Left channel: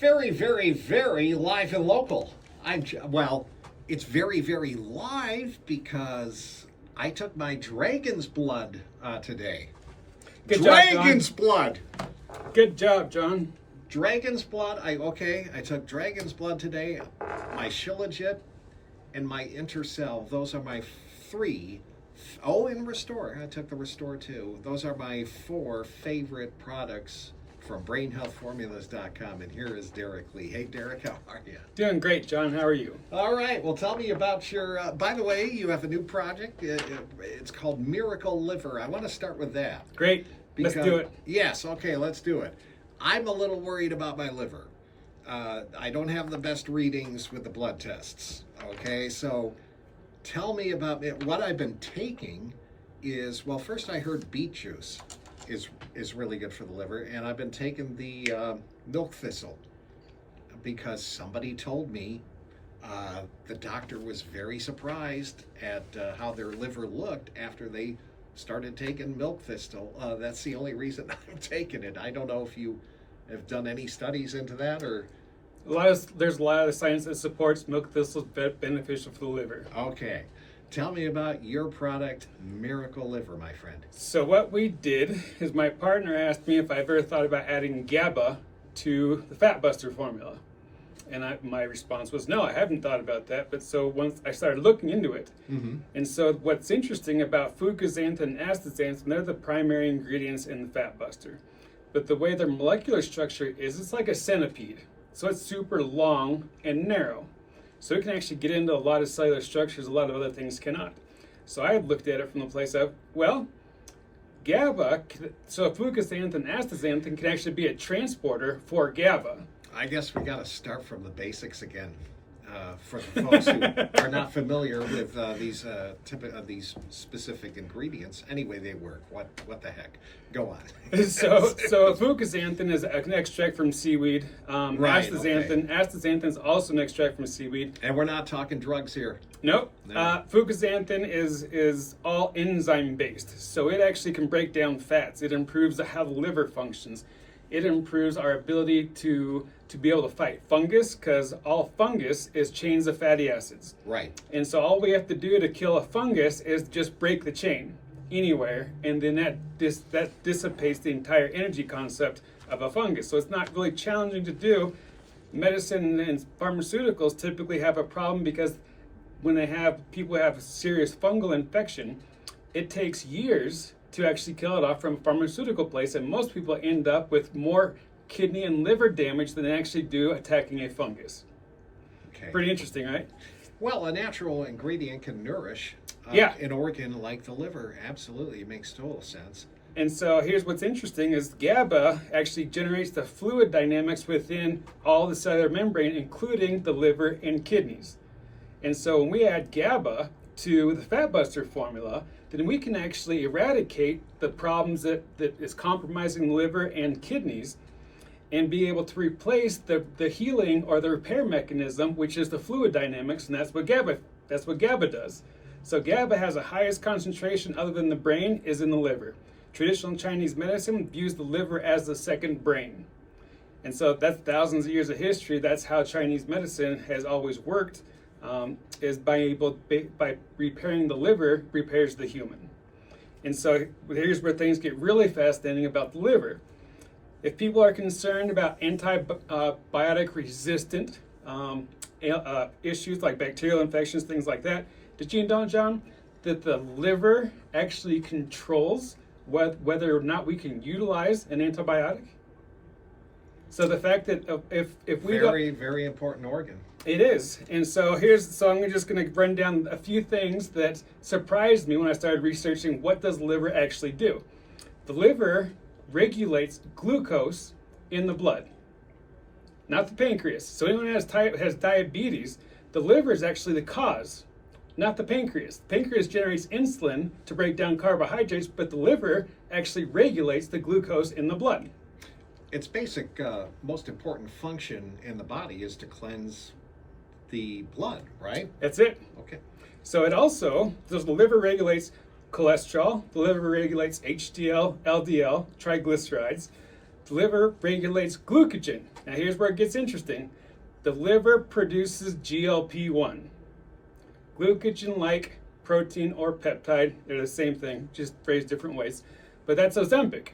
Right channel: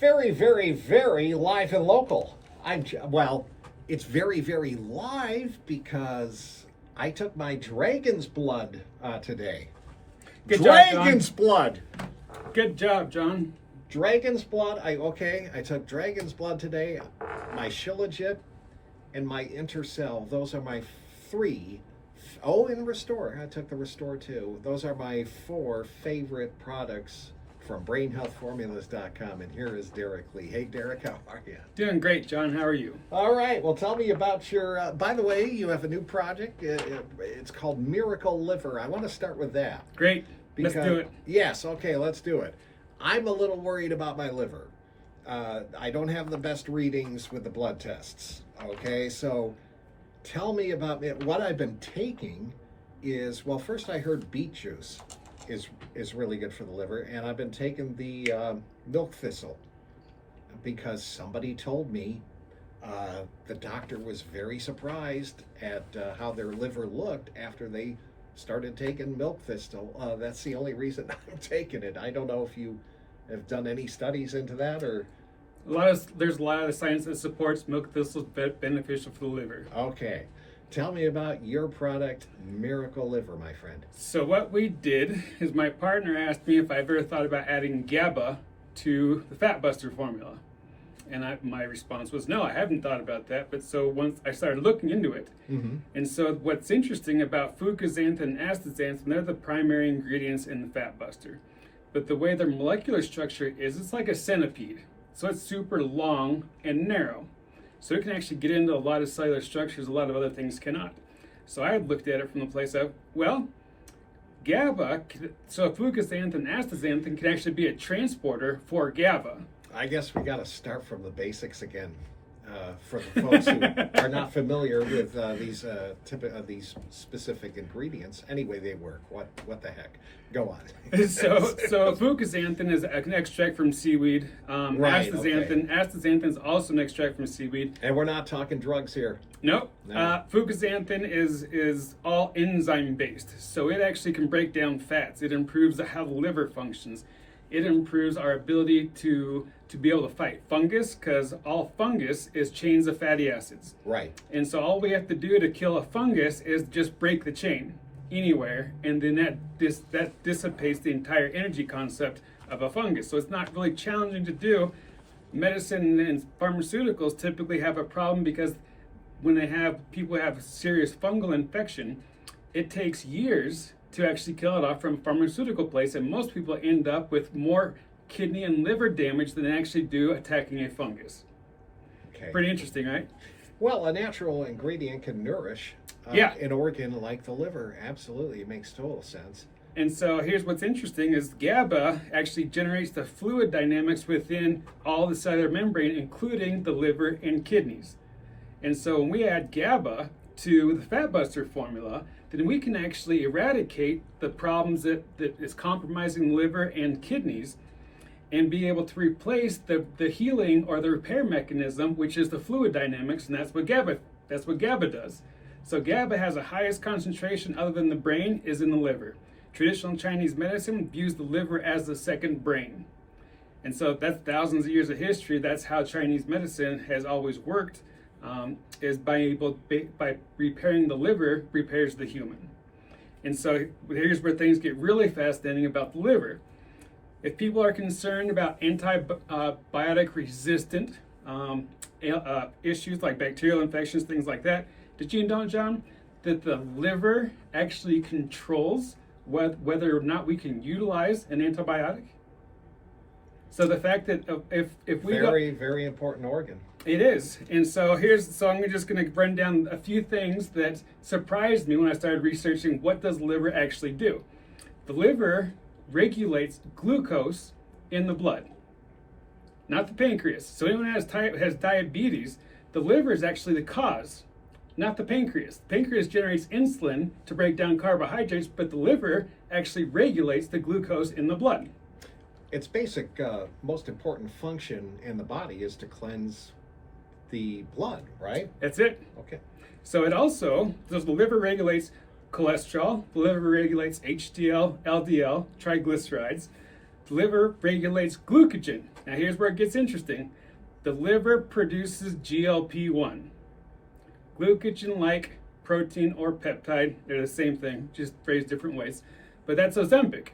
Very, very, very live and local. Well, it's very, very live because I took my dragon's blood today. Good job, John. Dragon's blood. Good job, John. Dragon's blood. I took dragon's blood today. My Shilajit and my Intercell. Those are my three. Oh, and Restore. I took the Restore too. Those are my four favorite products from BrainHealthFormulas.com. And here is Derek Lee. Hey, Derek, how are you? Doing great, John. How are you? All right. Well, tell me about your. By the way, you have a new project. It's called Miracle Liver. I want to start with that. Great. Let's do it. Yes. Okay. Let's do it. I'm a little worried about my liver. I don't have the best readings with the blood tests. Okay. So tell me about it. What I've been taking is, well, first I heard beet juice is really good for the liver, and I've been taking the milk thistle because somebody told me the doctor was very surprised at how their liver looked after they started taking milk thistle. That's the only reason I'm taking it. I don't know if you have done any studies into that or. There's a lot of science that supports milk thistle beneficial for the liver. Okay. Tell me about your product, Miracle Liver, my friend. So what we did is my partner asked me if I've ever thought about adding GABA to the Fat Buster formula. And my response was, no, I haven't thought about that. But so once I started looking into it, and so what's interesting about fucoxanthin and astaxanthin, they're the primary ingredients in the Fat Buster. But the way their molecular structure is, it's like a centipede. So it's super long and narrow. So it can actually get into a lot of cellular structures a lot of other things cannot. So I looked at it from the place of, well, GABA, so fucoxanthin and astaxanthin can actually be a transporter for GABA. I guess we got to start from the basics again for the folks who are not familiar with these specific ingredients. Anyway, they work. What the heck? Go on. so fucoxanthin is an extract from seaweed. Right. Astaxanthin is also an extract from seaweed. And we're not talking drugs here. Nope. No. Fucoxanthin is all enzyme based, so it actually can break down fats. It improves how the liver functions. It improves our ability to be able to fight fungus, because all fungus is chains of fatty acids. Right. And so all we have to do to kill a fungus is just break the chain anywhere, and then that dissipates the entire energy concept of a fungus. So it's not really challenging to do. Medicine and pharmaceuticals typically have a problem because when people have serious fungal infection, it takes years to actually kill it off from a pharmaceutical place, and most people end up with more kidney and liver damage than they actually do attacking a fungus. Okay. Pretty interesting, right? Well, a natural ingredient can nourish an organ like the liver. Absolutely. It makes total sense. And so here's what's interesting is GABA actually generates the fluid dynamics within all the cellular membrane, including the liver and kidneys. And so when we add GABA to the Fat Buster formula, then we can actually eradicate the problems that is compromising the liver and kidneys and be able to replace the healing or the repair mechanism, which is the fluid dynamics, and that's what GABA does. So GABA has the highest concentration other than the brain is in the liver. Traditional Chinese medicine views the liver as the second brain. And so that's thousands of years of history. That's how Chinese medicine has always worked, is by repairing the liver, repairs the human. And so here's where things get really fascinating about the liver. If people are concerned about antibiotic resistant issues like bacterial infections, things like that, did you know, John, that the liver actually controls whether or not we can utilize an antibiotic? So the fact that if we very important organ. It is. And so I'm just going to run down a few things that surprised me when I started researching what does the liver actually do. The liver regulates glucose in the blood, not the pancreas. So anyone who has diabetes, the liver is actually the cause, not the pancreas. The pancreas generates insulin to break down carbohydrates, but the liver actually regulates the glucose in the blood. Its basic, most important function in the body is to cleanse the blood, right? That's it. Okay. So the liver regulates cholesterol, the liver regulates HDL, LDL, triglycerides. The liver regulates glucogen. Now here's where it gets interesting. The liver produces GLP-1. Glucogen-like protein or peptide, they're the same thing, just phrased different ways. But that's Ozempic.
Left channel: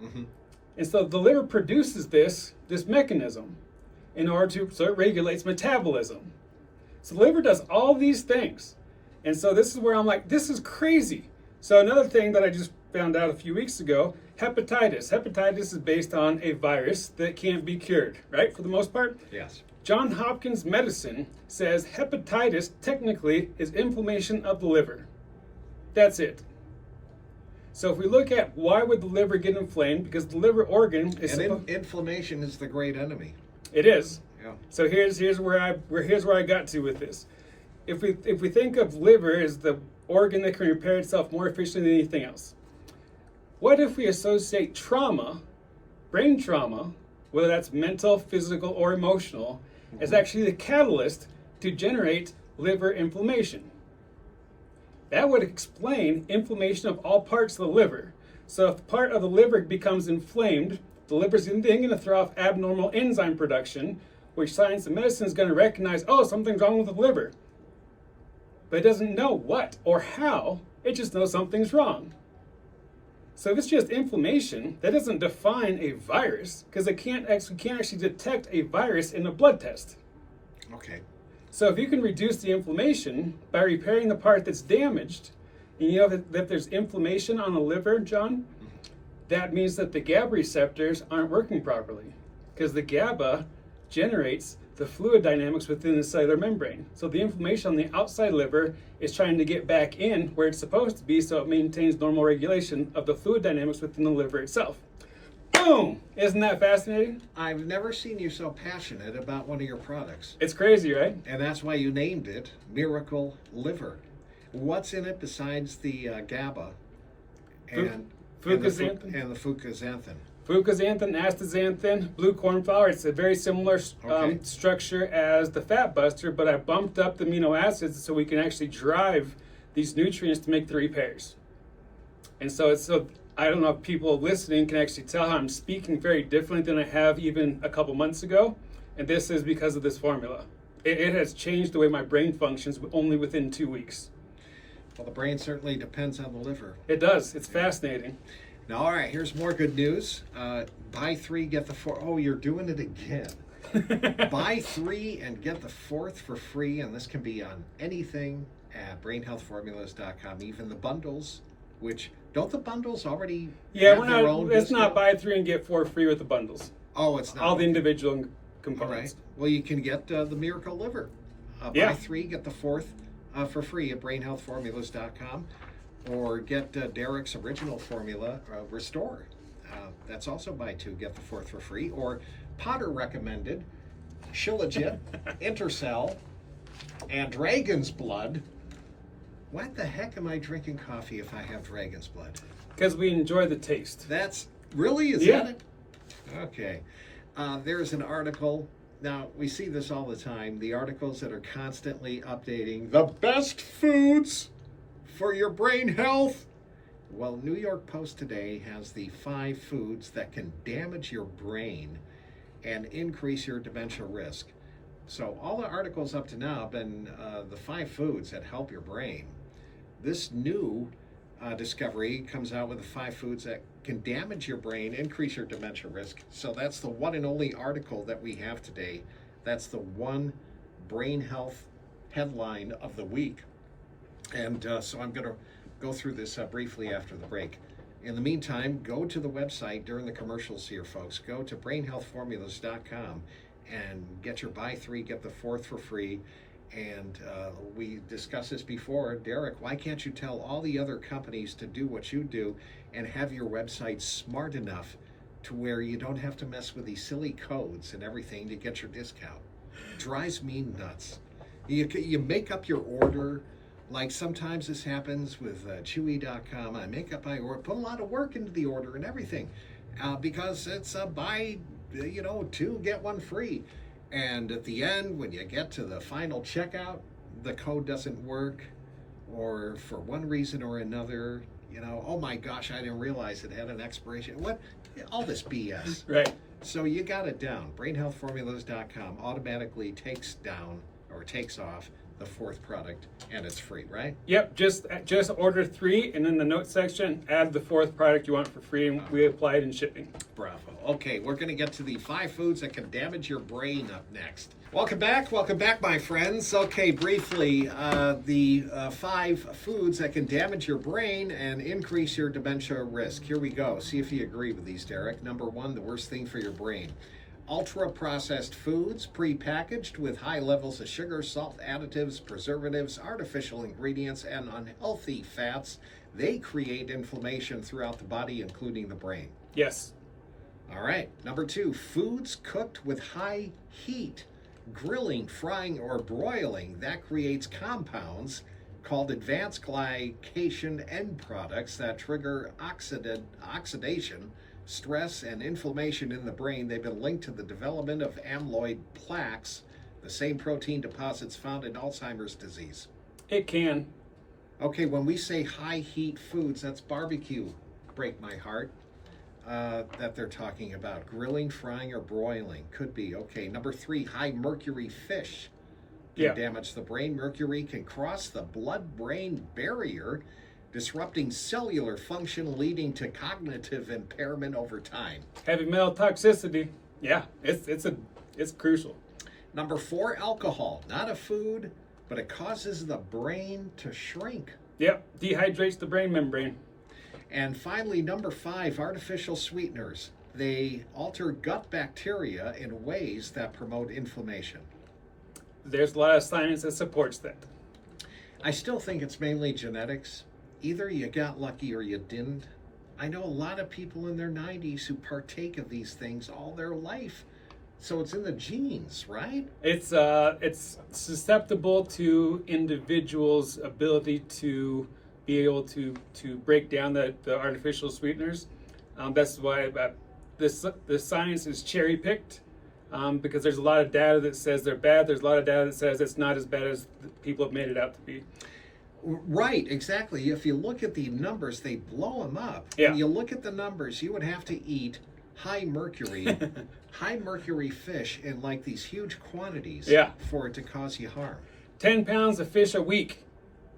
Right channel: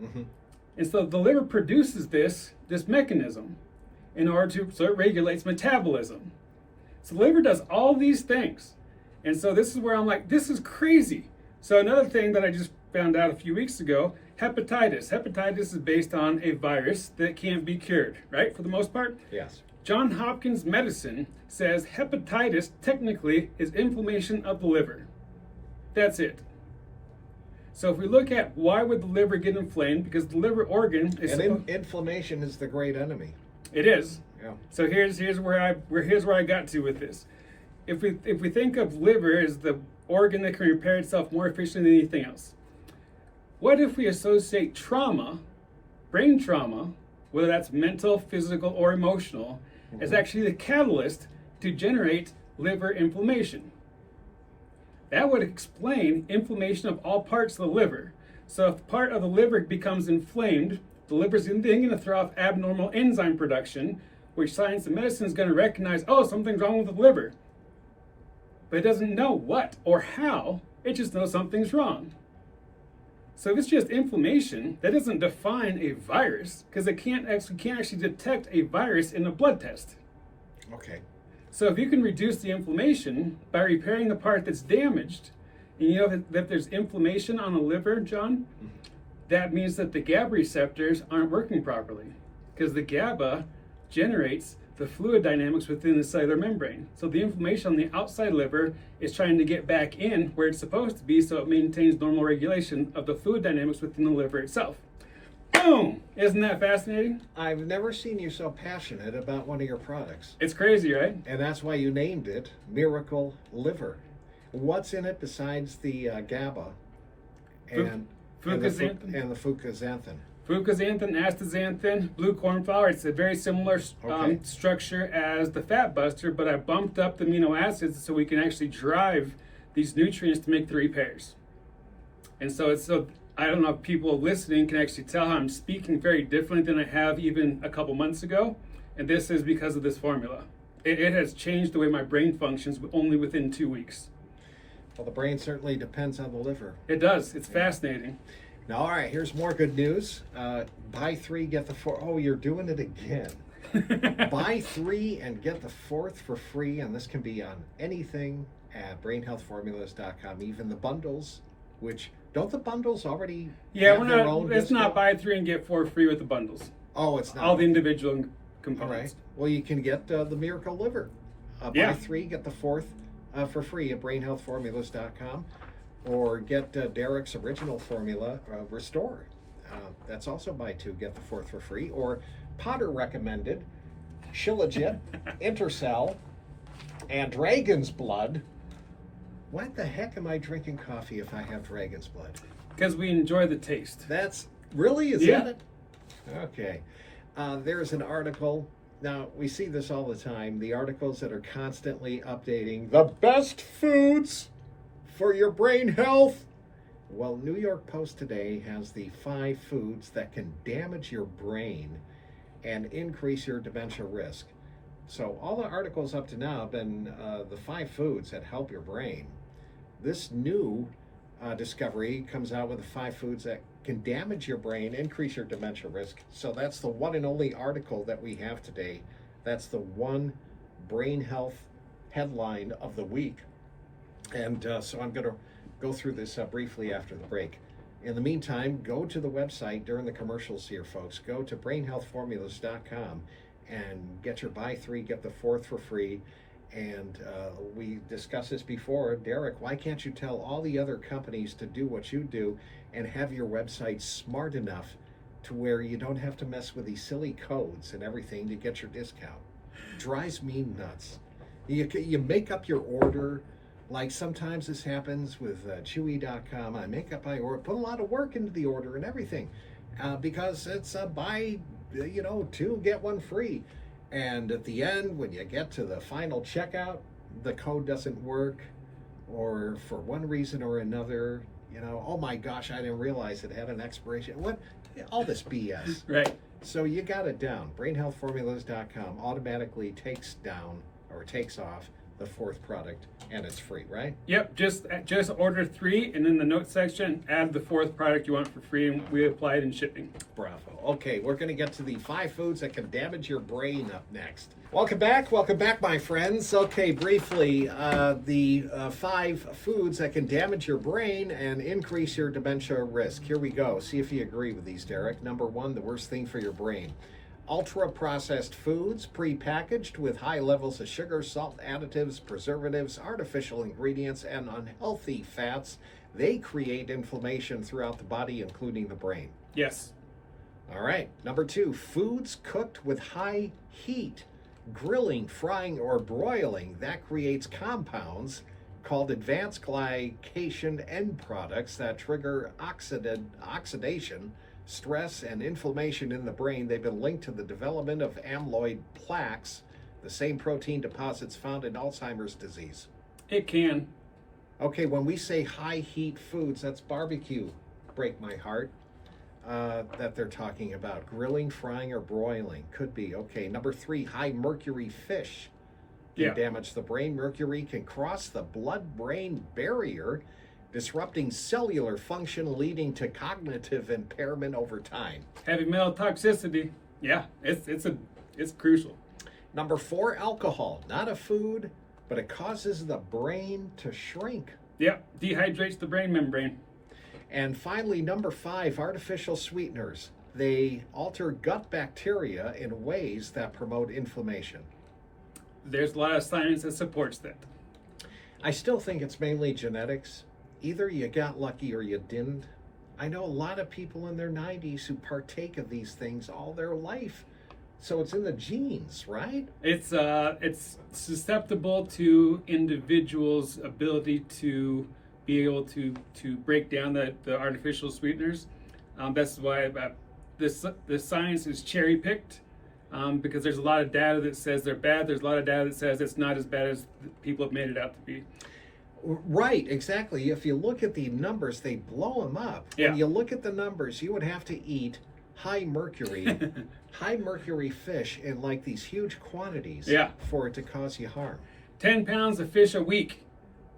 Mm-hmm. And so the liver produces this mechanism so it regulates metabolism. So the liver does all these things. And so this is where I'm like, this is crazy. So another thing that I just found out a few weeks ago, hepatitis. Hepatitis is based on a virus that can't be cured, right? For the most part. Yes. Johns Hopkins Medicine says hepatitis technically is inflammation of the liver. That's it. So if we look at why would the liver get inflamed, because the liver organ is Inflammation is the great enemy. it is. Yeah. So here's where I got to with this. If we think of liver as the organ that can repair itself more efficiently than anything else, what if we associate trauma, brain trauma, whether that's mental, physical, or emotional, as actually the catalyst to generate liver inflammation? That would explain inflammation of all parts of the liver. So if part of the liver becomes inflamed, the liver's then going to throw off abnormal enzyme production, which science and medicine is going to recognize, oh, something's wrong with the liver. But it doesn't know what or how, it just knows something's wrong. So if it's just inflammation, that doesn't define a virus, because it can't actually detect a virus in a blood test. Okay. So if you can reduce the inflammation by repairing the part that's damaged, and you know that there's inflammation on the liver, John, that means that the GABA receptors aren't working properly, because the GABA generates the fluid dynamics within the cellular membrane. So the inflammation on the outside liver is trying to get back in where it's supposed to be, so it maintains normal regulation of the fluid dynamics within the liver itself. Boom! Isn't that fascinating? I've never seen you so passionate about one of your products. It's crazy, right? And that's why you named it Miracle Liver. What's in it besides the GABA and the fucoxanthin? Fucoxanthin, astaxanthin, blue corn flour. It's a very similar Okay. structure as the fat buster, but I bumped up the amino acids so we can actually drive these nutrients to make the repairs. And so I don't know if people listening can actually tell how I'm speaking very different than I have even a couple months ago. And this is because of this formula. It has changed the way my brain functions only within 2 weeks. Well, the brain certainly depends on the liver. It does. It's fascinating. Now, all right, here's more good news. Buy 3, get the 4. Oh, you're doing it again. Buy 3 and get the 4th for free, and this can be on anything at brainhealthformulas.com, even the bundles, which, don't the bundles already have their own it's not discount? buy 3 and get 4 free with the bundles. Oh, it's not. All the individual All right. components. Well, you can get the Miracle Liver. Yeah. Buy 3, get the 4th for free at brainhealthformulas.com, or get Derek's original formula, Restore. That's also buy 2, get the 4th for free. Or Potter recommended Shilajit, Intercell, and Dragon's Blood. What the heck am I drinking coffee if I have Dragon's Blood? Because we enjoy the taste. That's really, is Yeah. that it? Okay. There's an article. Now, we see this all the time. The articles that are constantly updating the best foods for your brain health. Well, New York Post today has the 5 foods that can damage your brain and increase your dementia risk. So all the articles up to now have been the 5 foods that help your brain. This new discovery comes out with the 5 foods that can damage your brain, increase your dementia risk. So that's the one and only article that we have today. That's the one brain health headline of the week. And so I'm going to go through this briefly after the break. In the meantime, go to the website during the commercials here, folks. Go to brainhealthformulas.com and get your buy 3, get the 4th for free. And we discussed this before. Derek, why can't you tell all the other companies to do what you do and have your website smart enough to where you don't have to mess with these silly codes and everything to get your discount? Drives me nuts. You make up your order. Like sometimes this happens with Chewy.com. I make up my order, put a lot of work into the order and everything because it's a buy, 2, get 1 free. And at the end, when you get to the final checkout, the code doesn't work, or for one reason or another, You know, oh my gosh, I didn't realize it had an expiration. What? All this BS. Right. So you got it down. BrainHealthFormulas.com automatically takes down or takes off the fourth product, and it's free, right? Yep. Just order 3, and in the notes section, add the 4th product you want for free, and we apply it in shipping. Bravo. Okay, we're going to get to the 5 foods that can damage your brain up next. Welcome back, my friends. Okay, briefly, the 5 foods that can damage your brain and increase your dementia risk. Here we go. See if you agree with these, Derek. Number 1, the worst thing for your brain. Ultra-processed foods, pre-packaged with high levels of sugar, salt, additives, preservatives, artificial ingredients, and unhealthy fats. They create inflammation throughout the body, including the brain. Yes. All right. Number 2, foods cooked with high heat. Grilling, frying, or broiling, that creates compounds called advanced glycation end products that trigger oxidation, stress, and inflammation in the brain. They've been linked to the development of amyloid plaques, the same protein deposits found in Alzheimer's disease. It can. Okay, when we say high heat foods, that's barbecue. Break my heart. That they're talking about. Grilling, frying, or broiling. Could be. Okay, number 3, high mercury fish can damage the brain. Mercury can cross the blood-brain barrier, disrupting cellular function, leading to cognitive impairment over time. Heavy metal toxicity. Yeah, it's crucial. Number 4, alcohol. Not a food, but it causes the brain to shrink. Yep, dehydrates the brain membrane. And finally, number 5, artificial sweeteners. They alter gut bacteria in ways that promote inflammation. There's a lot of science that supports that. I still think it's mainly genetics. Either you got lucky or you didn't. I know a lot of people in their 90s who partake of these things all their life. So it's in the genes, right? It's susceptible to individuals' ability to be able to break down the artificial sweeteners. That's why this science is cherry picked, because there's a lot of data that says they're bad. There's a lot of data that says it's not as bad as people have made it out to be. Right, exactly. If you look at the numbers, they blow them up. Yeah. When you look at the numbers, you would have to eat high mercury fish in like these huge quantities for it to cause you harm. 10 pounds of fish a week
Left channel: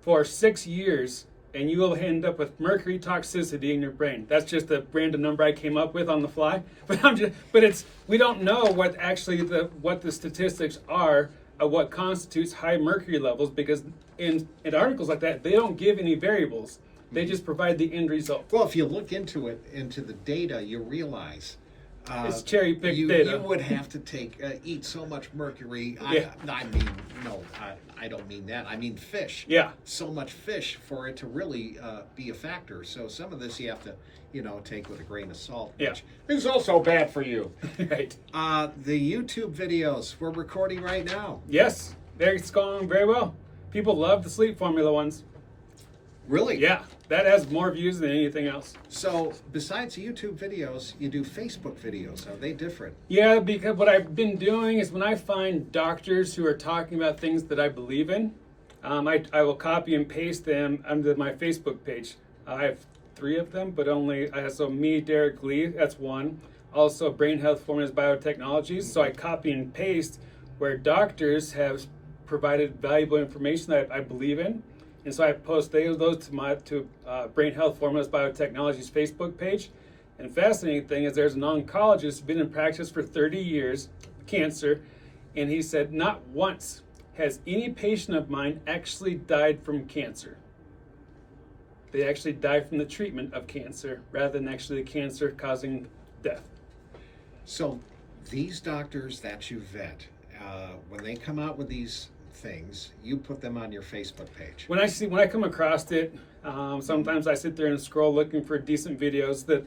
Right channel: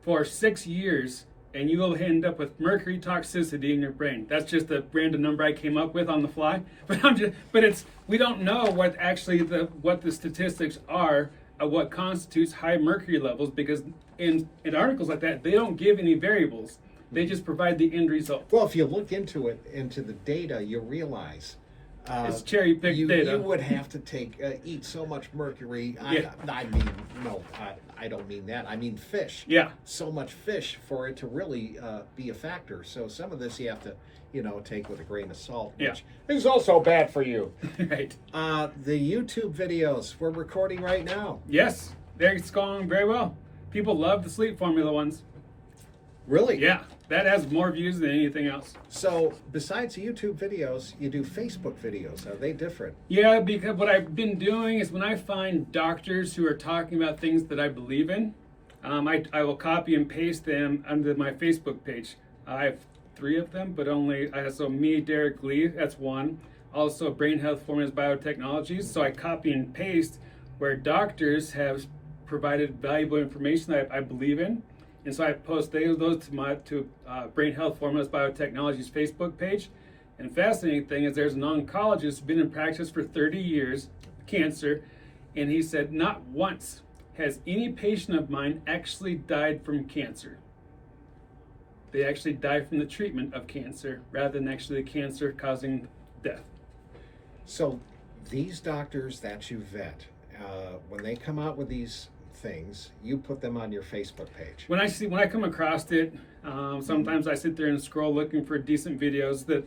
for 6 years, and you will end up with mercury toxicity in your brain. That's just a random number I came up with on the fly. But we don't know what actually what the statistics are of what constitutes high mercury levels, because in articles like that, they don't give any variables. They just provide the end result. Well, if you look into the data, you realize it's cherry picked data. You would have to eat so much mercury. Yeah. I don't mean that. I mean fish. Yeah. So much fish for it to really be a factor. So some of this you have to, take with a grain of salt. Which is also bad for you. Right. The YouTube videos we're recording right now. Yes, it's going very well. People love the sleep formula ones. Really? Yeah, that has more views than anything else. So besides YouTube videos, you do Facebook videos. Are they different? Yeah, because what I've been doing is when I find doctors who are talking about things that I believe in, I will copy and paste them under my Facebook page. I have 3 of them, but only, so me, Derek Lee, that's one. Also Brain Health Formulas Biotechnologies. So I copy and paste where doctors have provided valuable information that I believe in. And so I post those to Brain Health Formulas Biotechnologies Facebook page. And the fascinating thing is there's an oncologist who's been in practice for 30 years, cancer, and he said not once has any patient of mine actually died from cancer. They actually die from the treatment of cancer rather than actually the cancer causing death. So these doctors that you vet, when they come out with these things, you put them on your Facebook page. When I come across it, sometimes I sit there and scroll looking for decent videos that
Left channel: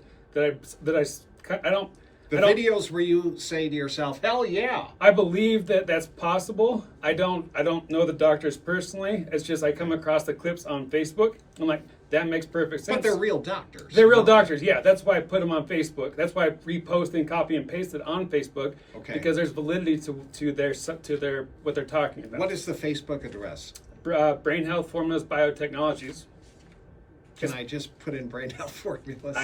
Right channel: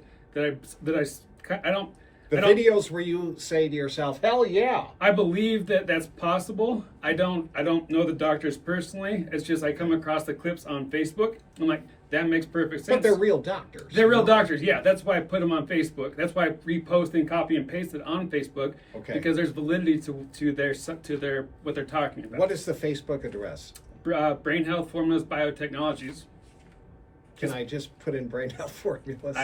I don't. Videos where you say to yourself, "Hell yeah!" I believe that that's possible. I don't know the doctors personally. It's just I come across the clips on Facebook. I'm like, that makes perfect sense. But they're real doctors. They're real doctors. Yeah, that's why I put them on Facebook. That's why I repost and copy and paste it on Facebook. Okay. Because there's validity to their what they're talking about. What is the Facebook address? Brain Health Formulas Biotechnologies. Can I just put in brain health formulas?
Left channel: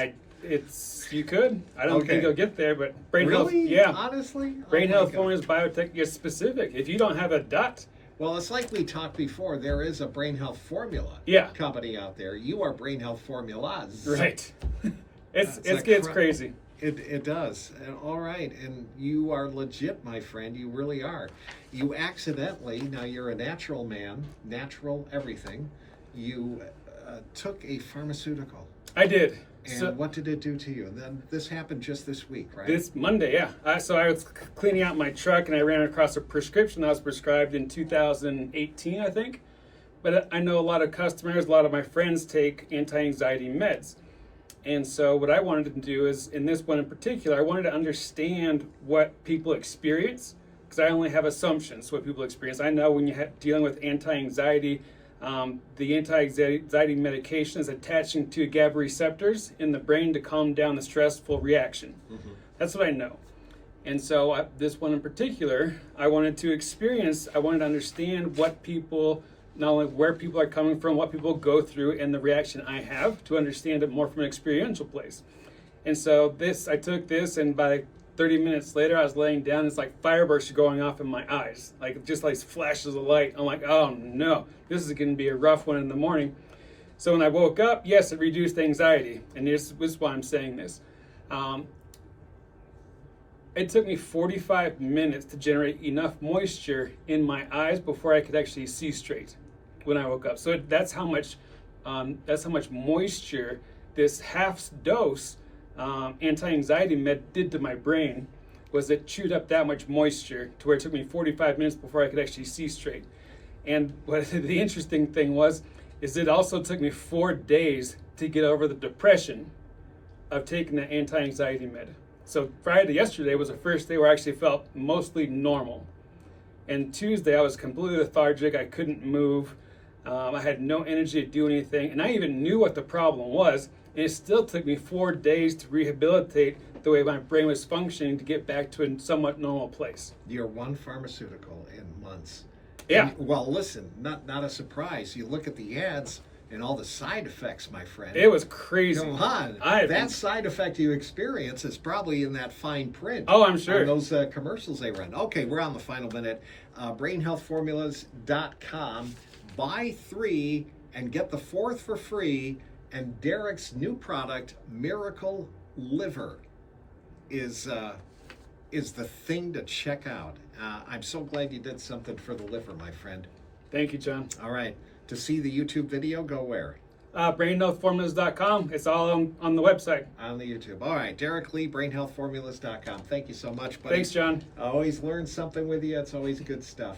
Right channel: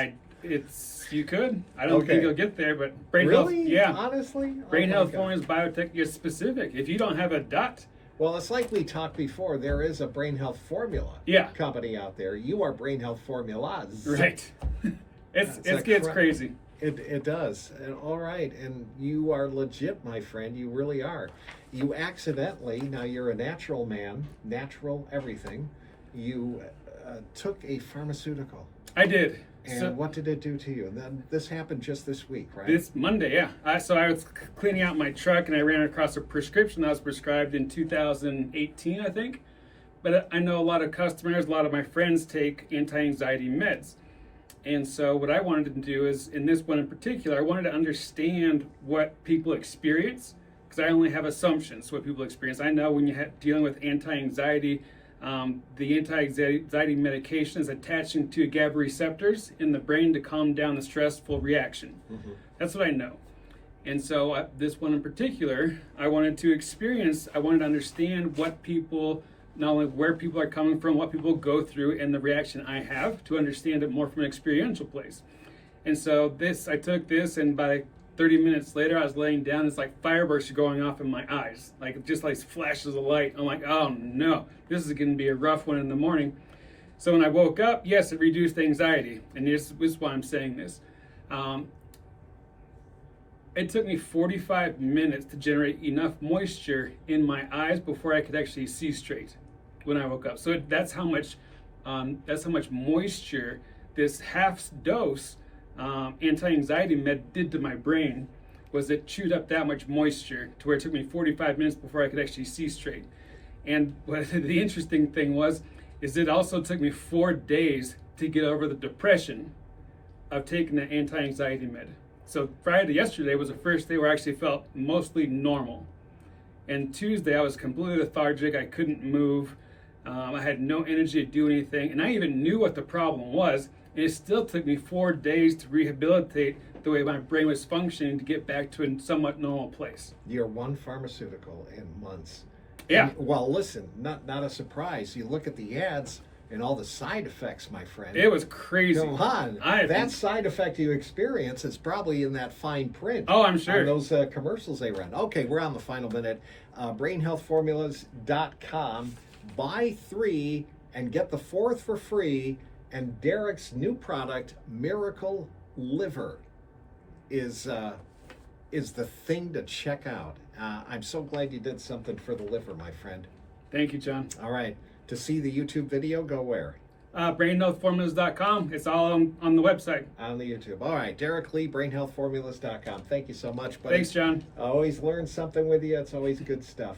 You could. I don't Okay. think you'll get there, but brain Really? health, yeah. Honestly? Brain Oh my health God. formulas biotech is specific. If you don't have a dot, Well, it's like we talked before. There is a brain health formula Yeah. company out there. You are brain health formulas. right? That's It a gets cra- crazy. It does. And, all right. And you are legit, my friend. You really are. You accidentally, now you're a natural man, natural everything. You took a pharmaceutical. I did. And So- what did it do to you? And then this happened just this week, right? This Monday, yeah. So I was cleaning out my truck and I ran across a prescription that was prescribed in 2018, I think. But I know a lot of customers, a lot of my friends take anti-anxiety meds. And so what I wanted to do is, in this one in particular, I wanted to understand what people experience, because I only have assumptions what people experience. I know when you're dealing with anti-anxiety, the anti-anxiety medication is attaching to GABA receptors in the brain to calm down the stressful reaction. That's what I know. And so this one in particular, I wanted to understand what people, not only where people are coming from, what people go through, and the reaction I have to understand it more from an experiential place. And so I took this, and by 30 minutes later, I was laying down. It's like fireworks are going off in my eyes, like just like flashes of light. I'm like, oh no, this is going to be a rough one in the morning. So when I woke up, yes, it reduced anxiety, and this is why I'm saying this. It took me 45 minutes to generate enough moisture in my eyes before I could actually see straight when I woke up. So that's how much moisture this half dose anti-anxiety med did to my brain. Was it chewed up that much moisture to where it took me 45 minutes before I could actually see straight. And what the interesting thing is it also took me 4 days to get over the depression of taking the anti-anxiety med. So yesterday was the first day where I actually felt mostly normal. And Tuesday I was completely lethargic. I couldn't move. I had no energy to do anything. And I even knew what the problem was. And it still took me 4 days to rehabilitate the way my brain was functioning to get back to a somewhat normal place. You're one pharmaceutical in months. Yeah. And, well, listen, not a surprise. You look at the ads and all the side effects, my friend. It was crazy. Come on. That side effect you experience is probably in that fine print. Oh, I'm sure. On those commercials they run. Okay, we're on the final minute. BrainHealthFormulas.com. Buy 3 and get the 4th for free. And Derek's new product, Miracle Liver, is the thing to check out. I'm so glad you did something for the liver, my friend. Thank you, John. All right. To see the YouTube video, go where? BrainHealthFormulas.com. It's all on the website. On the YouTube. All right. Derek Lee, BrainHealthFormulas.com. Thank you so much, buddy. Thanks, John. I always learn something with you. It's always good stuff.